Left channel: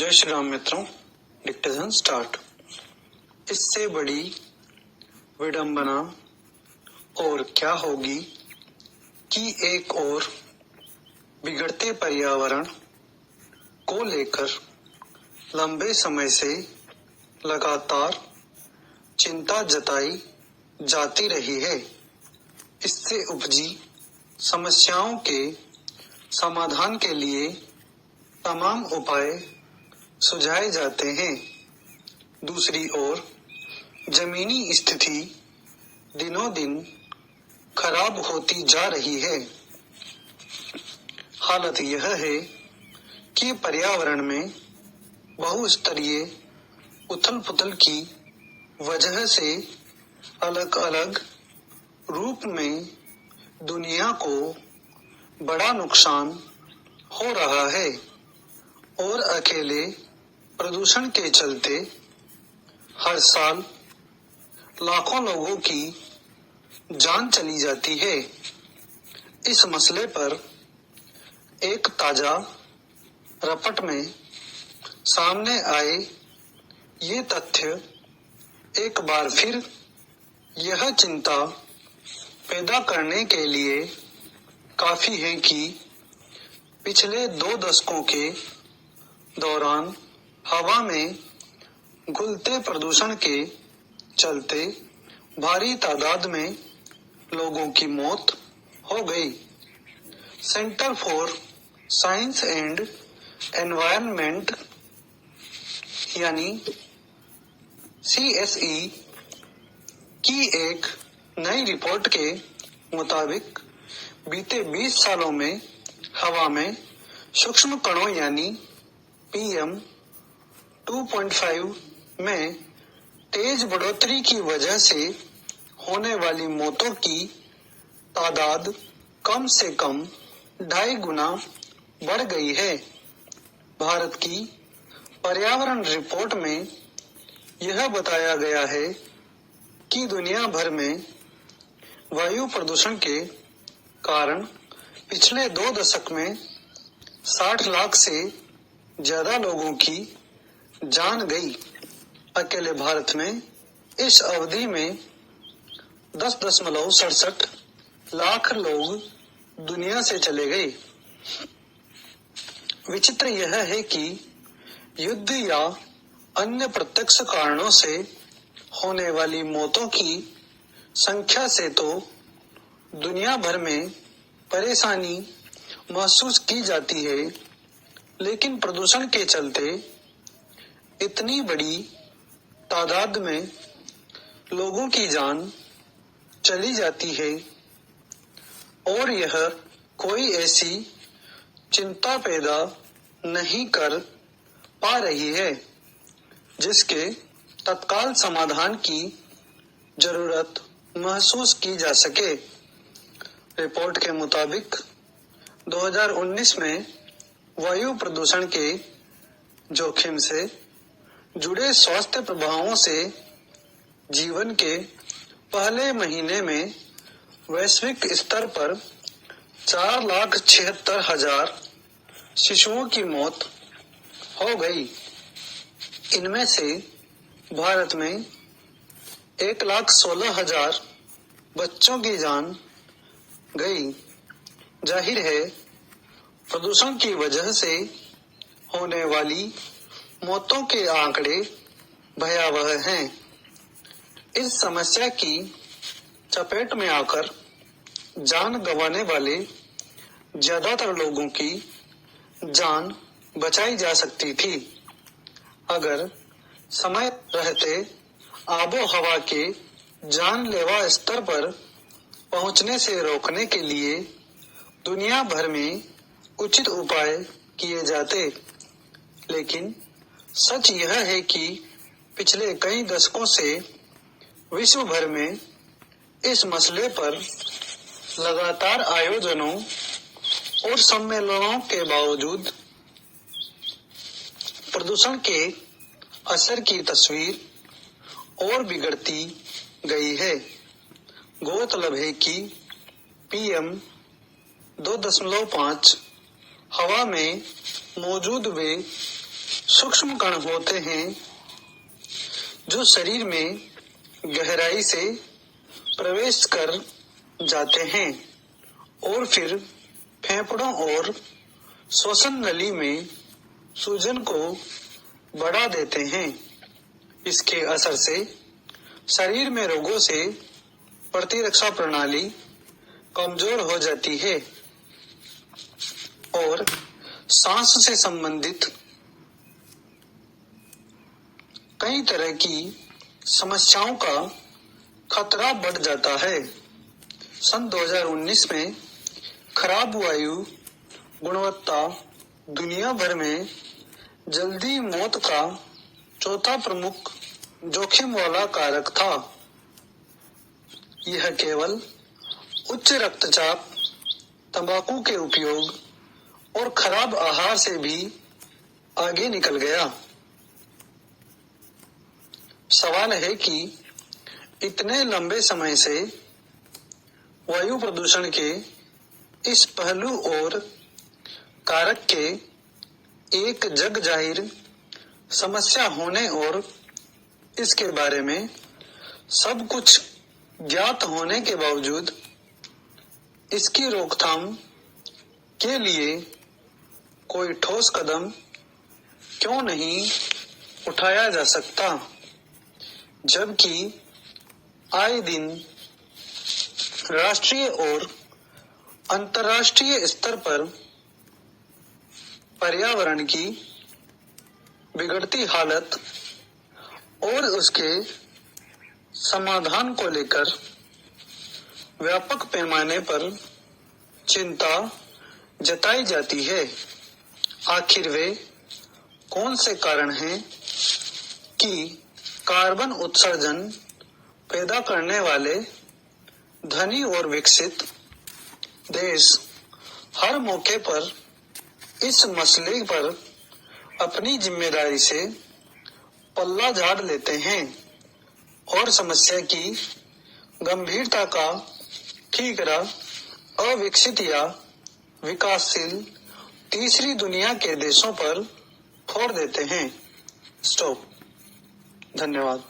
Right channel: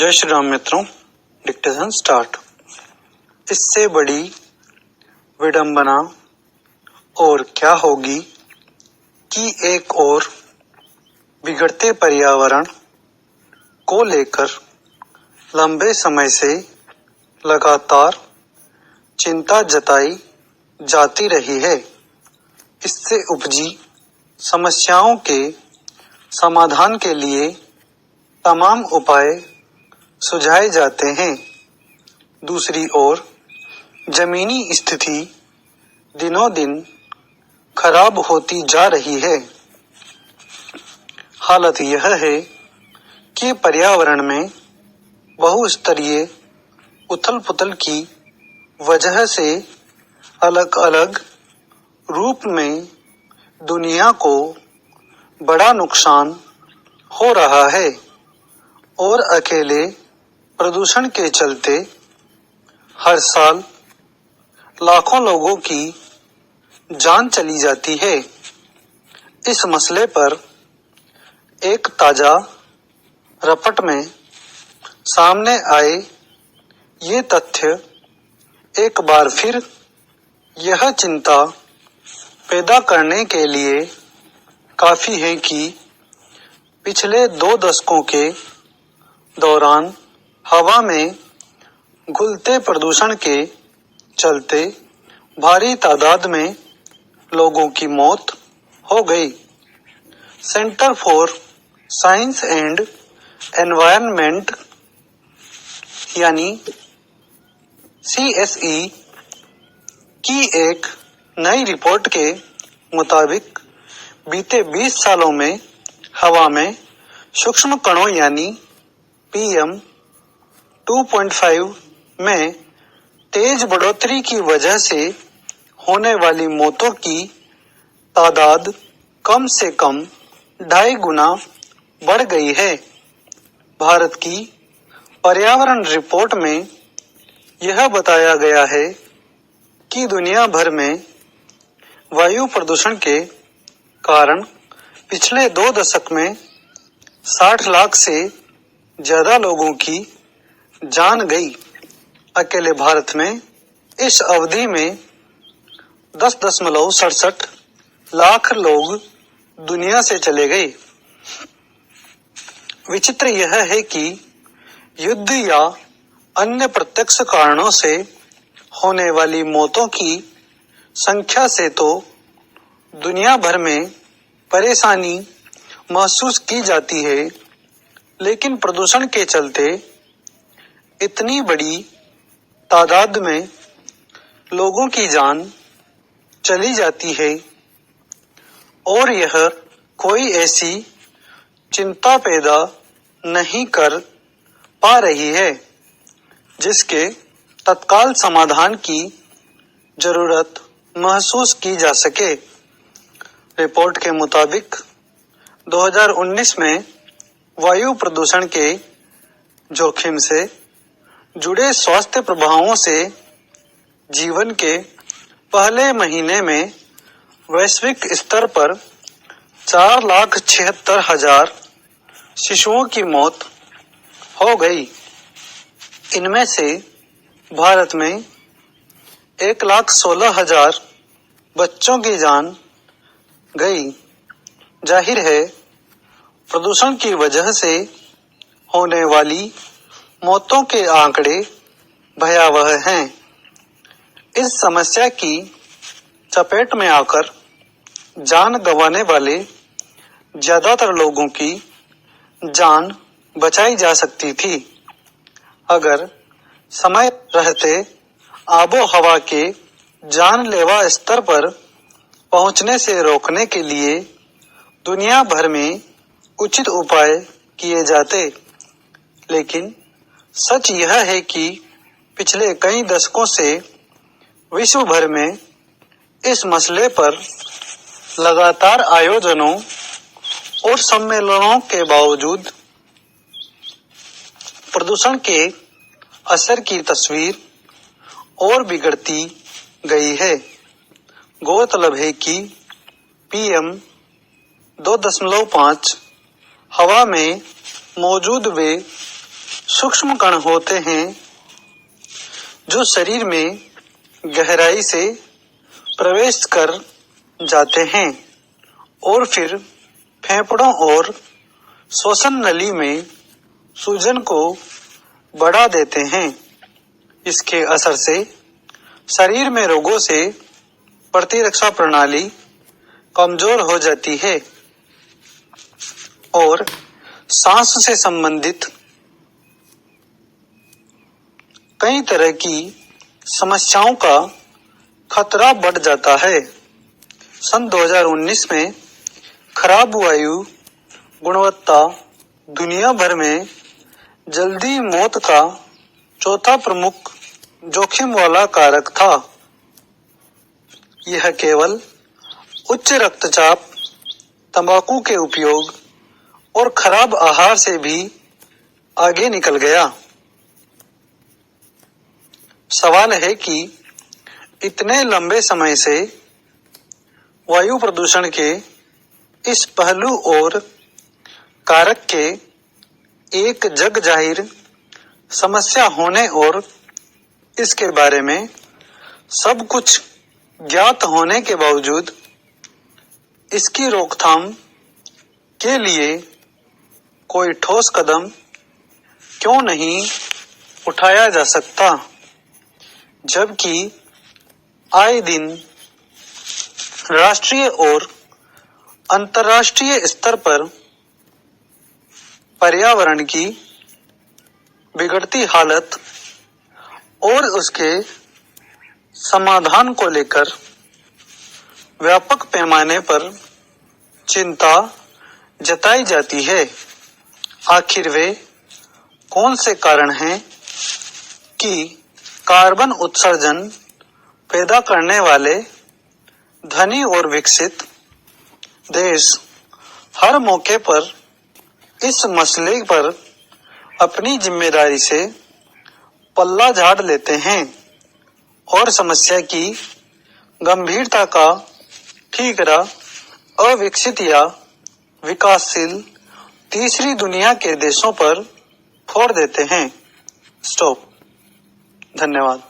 जय श्री राम मित्रों। Dictation start. इससे बड़ी विडंबना और क्या होगी कि एक और बिगड़ते पर्यावरण को लेकर लंबे समय से लगातार चिंता जताई जाती रही है। इससे उपजी समस्याओं के समाधान के लिए तमाम उपाय सुझाए जाते हैं। दूसरी ओर जमीनी स्थिति दिनों दिन खराब होती जा रही है। हालत यह है कि पर्यावरण में बहुस्तरीय उथल-पुथल की वजह से अलग अलग रूप में दुनिया को बड़ा नुकसान हो रहा है और अकेले प्रदूषण के चलते हर साल लाखों लोगों की जान चली जाती है। इस मसले पर एक ताजा रिपोर्ट में सामने आए ये तथ्य एक बार फिर यह चिंता पैदा करने के लिए काफी है कि पिछले 2 दशकों के दौरान हवा में घुलते प्रदूषण के चलते भारी तादाद में लोगों की मौत हो गई। Centre for science and environment यानी CSE की एक नई रिपोर्ट के मुताबिक बीते 20 सालों में हवा में सूक्ष्म कणों यानी PM 2.5 में तेज बढ़ोतरी की वजह से होने वाली मौतों की तादाद कम से कम 2.5 गुना बढ़ गई है। भारत की पर्यावरण रिपोर्ट में यह बताया गया है कि दुनिया भर में वायु प्रदूषण के कारण पिछले 2 दशक में 60 लाख से ज्यादा लोगों की जान गई। अकेले भारत में इस अवधि में 10.67 लाख लोग दुनिया से चले गए। विचित्र यह है कि युद्ध या अन्य प्रत्यक्ष कारणों से होने वाली मौतों की संख्या से तो दुनिया भर में परेशानी महसूस की जाती है, लेकिन प्रदूषण के चलते इतनी बड़ी तादाद में लोगों की जान चली जाती है और यह कोई ऐसी चिंता पैदा नहीं कर पा रही है जिसके तत्काल समाधान की जरूरत महसूस की जा सके। रिपोर्ट के मुताबिक 2019 में वायु प्रदूषण के जोखिम से जुड़े स्वास्थ्य प्रभावों से जीवन के पहले महीने में वैश्विक स्तर पर 4,76,000 शिशुओं की मौत हो गई। इनमें से भारत में 1,16,000 बच्चों की जान गई। जाहिर है प्रदूषण की वजह से होने वाली मौतों के आंकड़े भयावह हैं। इस समस्या की चपेट में आकर जान गंवाने वाले ज्यादातर लोगों की जान बचाई जा सकती थी अगर समय रहते आबो हवा के जानलेवा स्तर पर पहुंचने से रोकने के लिए दुनिया भर में उचित उपाय किए जाते। लेकिन सच यह है कि पिछले कई दशकों से विश्व भर में इस मसले पर लगातार आयोजनों और सम्मेलनों के बावजूद प्रदूषण के असर की तस्वीर और बिगड़ती गई है। गौरतलब है कि PM 2.5 हवा में मौजूद वे सूक्ष्म कण होते हैं जो शरीर में गहराई से प्रवेश कर जाते हैं और फिर फेफड़ों और श्वसन नली में सूजन को बढ़ा देते हैं। इसके असर से शरीर में रोगों से प्रतिरक्षा प्रणाली कमजोर हो जाती है और सांस से संबंधित कई तरह की समस्याओं का खतरा बढ़ जाता है। सन 2019 में खराब वायु गुणवत्ता दुनिया भर में जल्दी मौत का चौथा प्रमुख जोखिम वाला कारक था। यह केवल उच्च रक्तचाप, तंबाकू के उपयोग और खराब आहार से भी आगे निकल गया। सवाल है कि इतने लंबे समय से वायु प्रदूषण के इस पहलू और कारक के एक जग जाहिर समस्या होने और इसके बारे में सब कुछ ज्ञात होने के बावजूद इसकी रोकथाम के लिए कोई ठोस कदम क्यों नहीं उठाया जा सकता, जबकि आए दिन राष्ट्रीय और अंतर्राष्ट्रीय स्तर पर पर्यावरण की बिगड़ती हालत और उसके समाधान को लेकर व्यापक पैमाने पर चिंता जताई जाती है। आखिर वे कौन से कारण हैं कि कार्बन उत्सर्जन पैदा करने वाले धनी और विकसित देश हर मौके पर इस मसले पर अपनी जिम्मेदारी से पल्ला झाड़ लेते हैं और समस्या की गंभीरता का ठीकरा अविकसित या विकासशील तीसरी दुनिया के देशों पर फोड़ देते हैं। स्टॉप। धन्यवाद।